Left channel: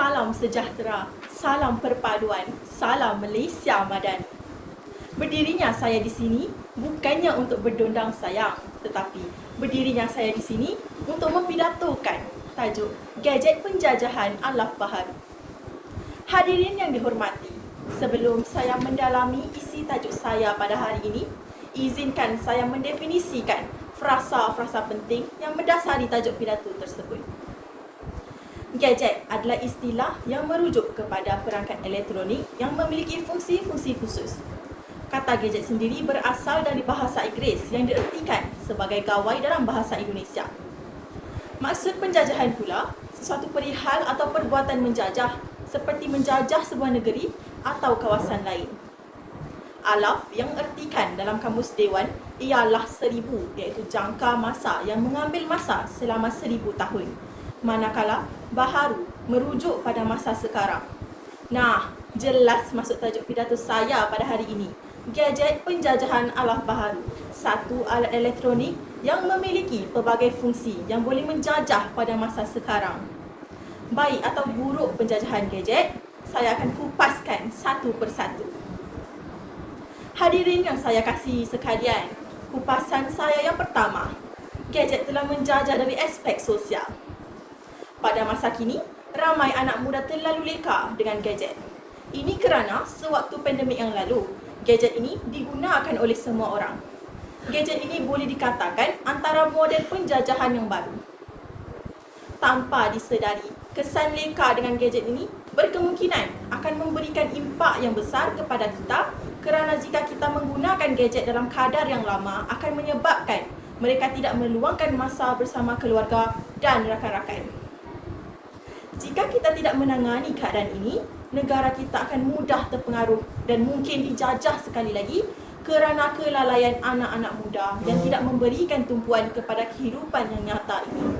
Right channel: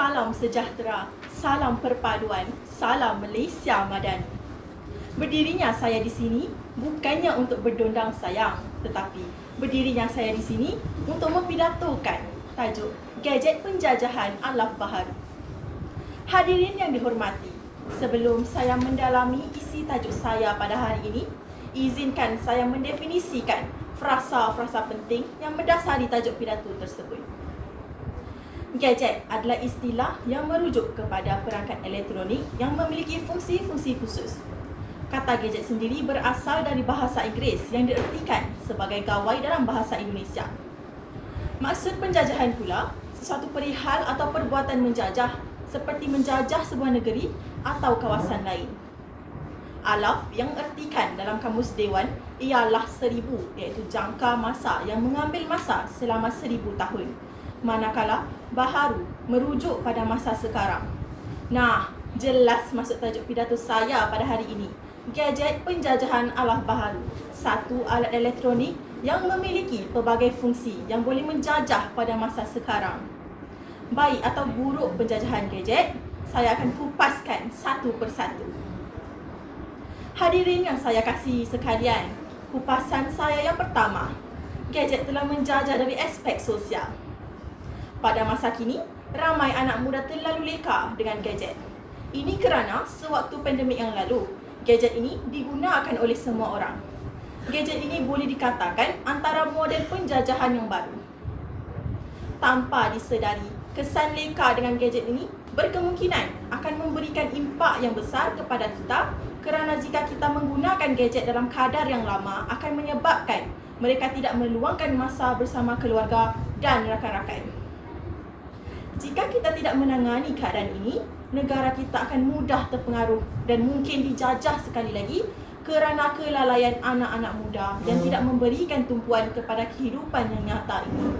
Salam sejahtera, salam perpaduan, salam Malaysia Madani. Berdirinya saya di sini bukannya untuk berdondang sayang, tetapi berdirinya saya di sini untuk mempidatokan tajuk Gadget Penjajahan Alaf Baharu. Hadirin yang dihormati, sebelum saya mendalami isi tajuk saya pada hari ini, izinkan saya mendefinisikan frasa-frasa penting yang mendasari tajuk pidato tersebut. Gadget adalah istilah yang merujuk kepada perangkat elektronik yang memiliki fungsi-fungsi khusus. Kata gadget sendiri berasal dari bahasa Inggeris yang diertikan sebagai gawai dalam bahasa Indonesia. Maksud penjajahan pula, sesuatu perihal atau perbuatan menjajah seperti menjajah sebuah negeri atau kawasan lain. Alaf yang ertikan dalam kamus Dewan ialah 1000, iaitu jangka masa yang mengambil masa selama 1000 tahun. Manakala baharu merujuk pada masa sekarang. Nah, jelas maksud tajuk pidato saya pada hari ini. Gadget penjajahan alaf baharu, satu alat elektronik yang memiliki pelbagai fungsi yang boleh menjajah pada masa sekarang. Baik atau buruk penjajahan gadget, saya akan kupaskan satu persatu. Hadirin yang saya kasihi sekalian, kupasan saya yang pertama, gadget telah menjajah dari aspek sosial. Pada masa kini, ramai anak muda terlalu leka dengan gadget. Ini kerana sewaktu pandemik yang lalu, gadget ini digunakan oleh semua orang. Gadget ini boleh dikatakan antara model penjajahan yang baru. Tanpa disedari, kesan leka dengan gadget ini berkemungkinan akan memberikan impak yang besar kepada kita kerana jika kita menggunakan gadget dalam kadar yang lama akan menyebabkan mereka tidak meluangkan masa bersama keluarga dan rakan-rakan. Jika kita tidak menangani keadaan ini, negara kita akan mudah terpengaruh dan mungkin dijajah sekali lagi kerana kelalaian anak-anak muda yang tidak memberikan tumpuan kepada kehidupan yang nyata ini.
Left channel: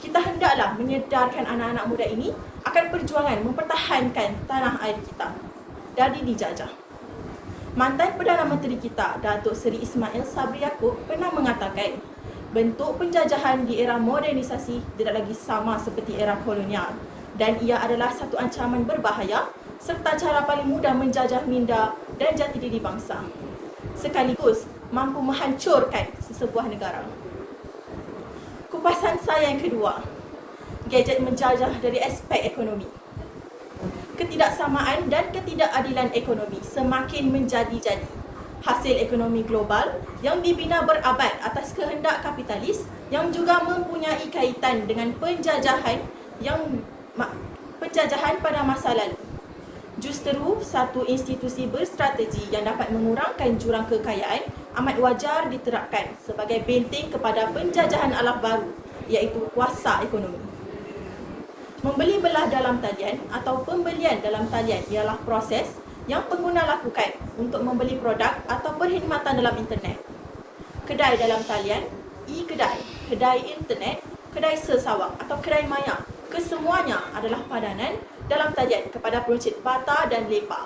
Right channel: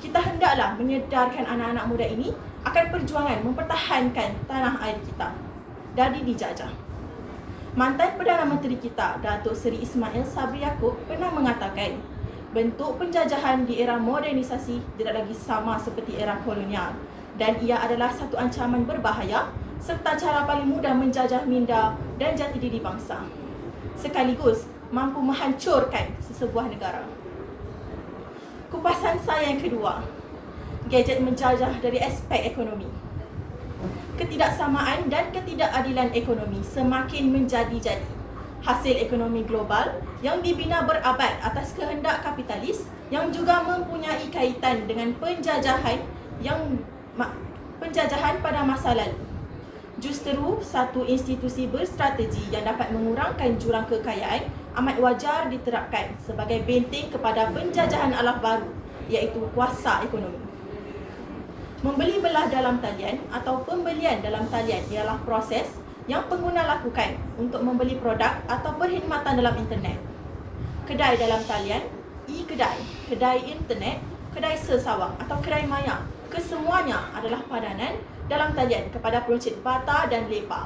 Kita hendaklah menyedarkan anak-anak muda ini akan perjuangan mempertahankan tanah air kita dari dijajah. Mantan Perdana Menteri kita, Datuk Seri Ismail Sabri Yaakob pernah mengatakan, bentuk penjajahan di era modernisasi tidak lagi sama seperti era kolonial dan ia adalah satu ancaman berbahaya serta cara paling mudah menjajah minda dan jati diri bangsa sekaligus mampu menghancurkan sesebuah negara. Kupasan saya yang kedua, gadget menjajah dari aspek ekonomi. Ketidaksamaan dan ketidakadilan ekonomi semakin menjadi-jadi. Hasil ekonomi global yang dibina berabad atas kehendak kapitalis yang juga mempunyai kaitan dengan penjajahan pada masa lalu. Justru satu institusi berstrategi yang dapat mengurangkan jurang kekayaan amat wajar diterapkan sebagai benteng kepada penjajahan alaf baru, iaitu kuasa ekonomi. Membeli belah dalam talian atau pembelian dalam talian ialah proses yang pengguna lakukan untuk membeli produk atau perkhidmatan dalam internet. Kedai dalam talian, e-kedai, kedai internet, kedai sesawang atau kedai maya, kesemuanya adalah padanan dalam talian kepada peruncit bata dan lepa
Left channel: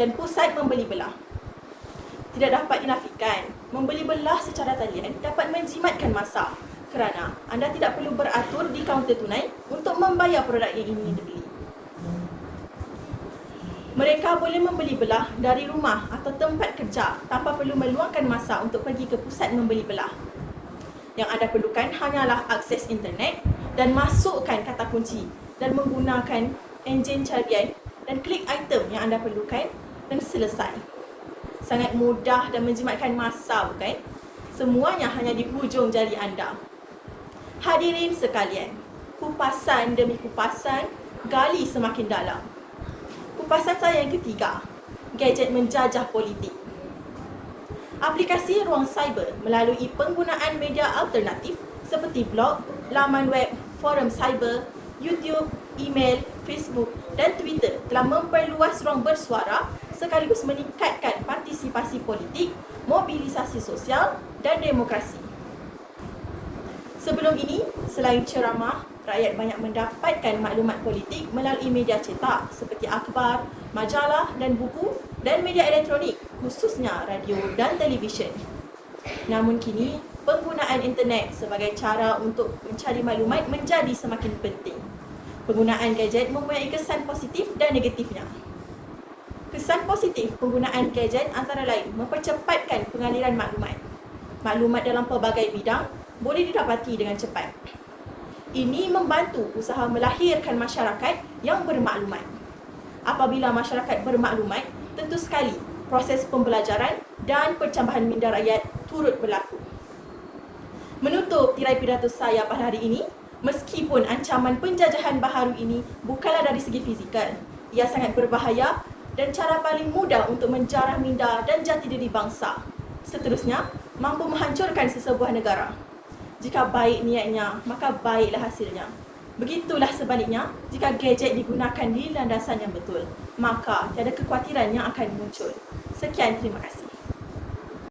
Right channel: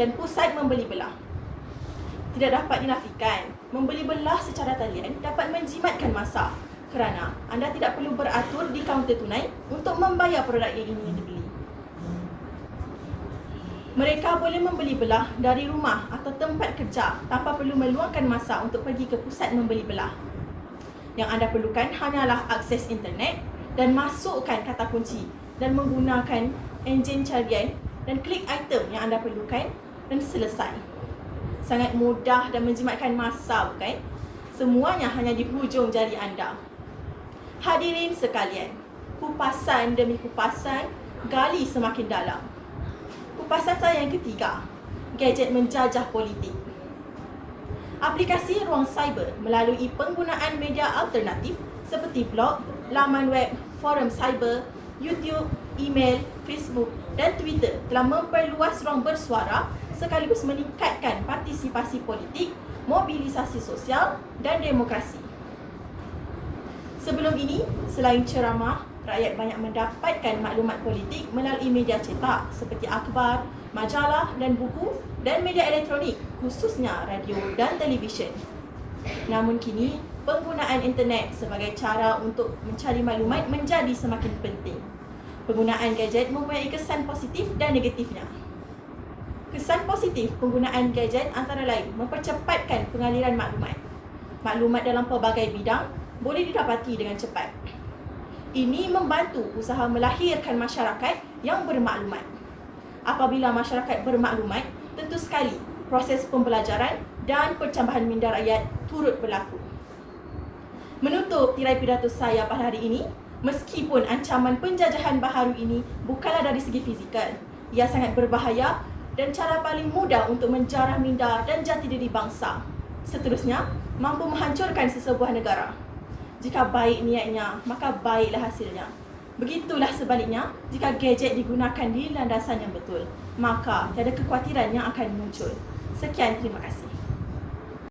dan pusat membeli belah. Tidak dapat dinafikan, membeli belah secara talian dapat menjimatkan masa kerana anda tidak perlu beratur di kaunter tunai untuk membayar produk yang ingin dibeli. Mereka boleh membeli belah dari rumah atau tempat kerja tanpa perlu meluangkan masa untuk pergi ke pusat membeli belah. Yang anda perlukan hanyalah akses internet dan masukkan kata kunci dan menggunakan enjin carian dan klik item yang anda perlukan dan selesai. Sangat mudah dan menjimatkan masa, bukan? Semuanya hanya di hujung jari anda. Hadirin sekalian, kupasan demi kupasan, gali semakin dalam. Kupasan saya yang ketiga, gadget menjajah politik. Aplikasi ruang cyber melalui penggunaan media alternatif seperti blog, laman web, forum cyber, YouTube, email, Facebook dan Twitter telah memperluas ruang bersuara sekaligus meningkatkan partisipasi politik, mobilisasi sosial dan demokrasi. Sebelum ini, selain ceramah, rakyat banyak mendapatkan maklumat politik melalui media cetak seperti akhbar, majalah dan buku dan media elektronik, khususnya radio dan televisyen. Namun kini, penggunaan internet sebagai cara untuk mencari maklumat menjadi semakin penting. Penggunaan gadget mempunyai kesan positif dan negatifnya. Kesan positif penggunaan gadget antara lain mempercepatkan pengaliran maklumat. Maklumat dalam pelbagai bidang boleh didapati dengan cepat. Ini membantu usaha melahirkan masyarakat yang bermaklumat. Apabila masyarakat bermaklumat, tentu sekali proses pembelajaran dan pencambahan minda rakyat turut berlaku. Menutup tirai pidato saya pada hari ini, meskipun ancaman penjajahan baharu ini bukanlah dari segi fizikal, ia sangat berbahaya dan cara paling mudah untuk menjarah minda dan jati diri bangsa. Seterusnya, mampu menghancurkan sesebuah negara. Jika baik niatnya, maka baiklah hasilnya. Begitulah sebaliknya, jika gadget digunakan di landasan yang betul, maka tiada kekhawatiran yang akan muncul. Sekian, terima kasih.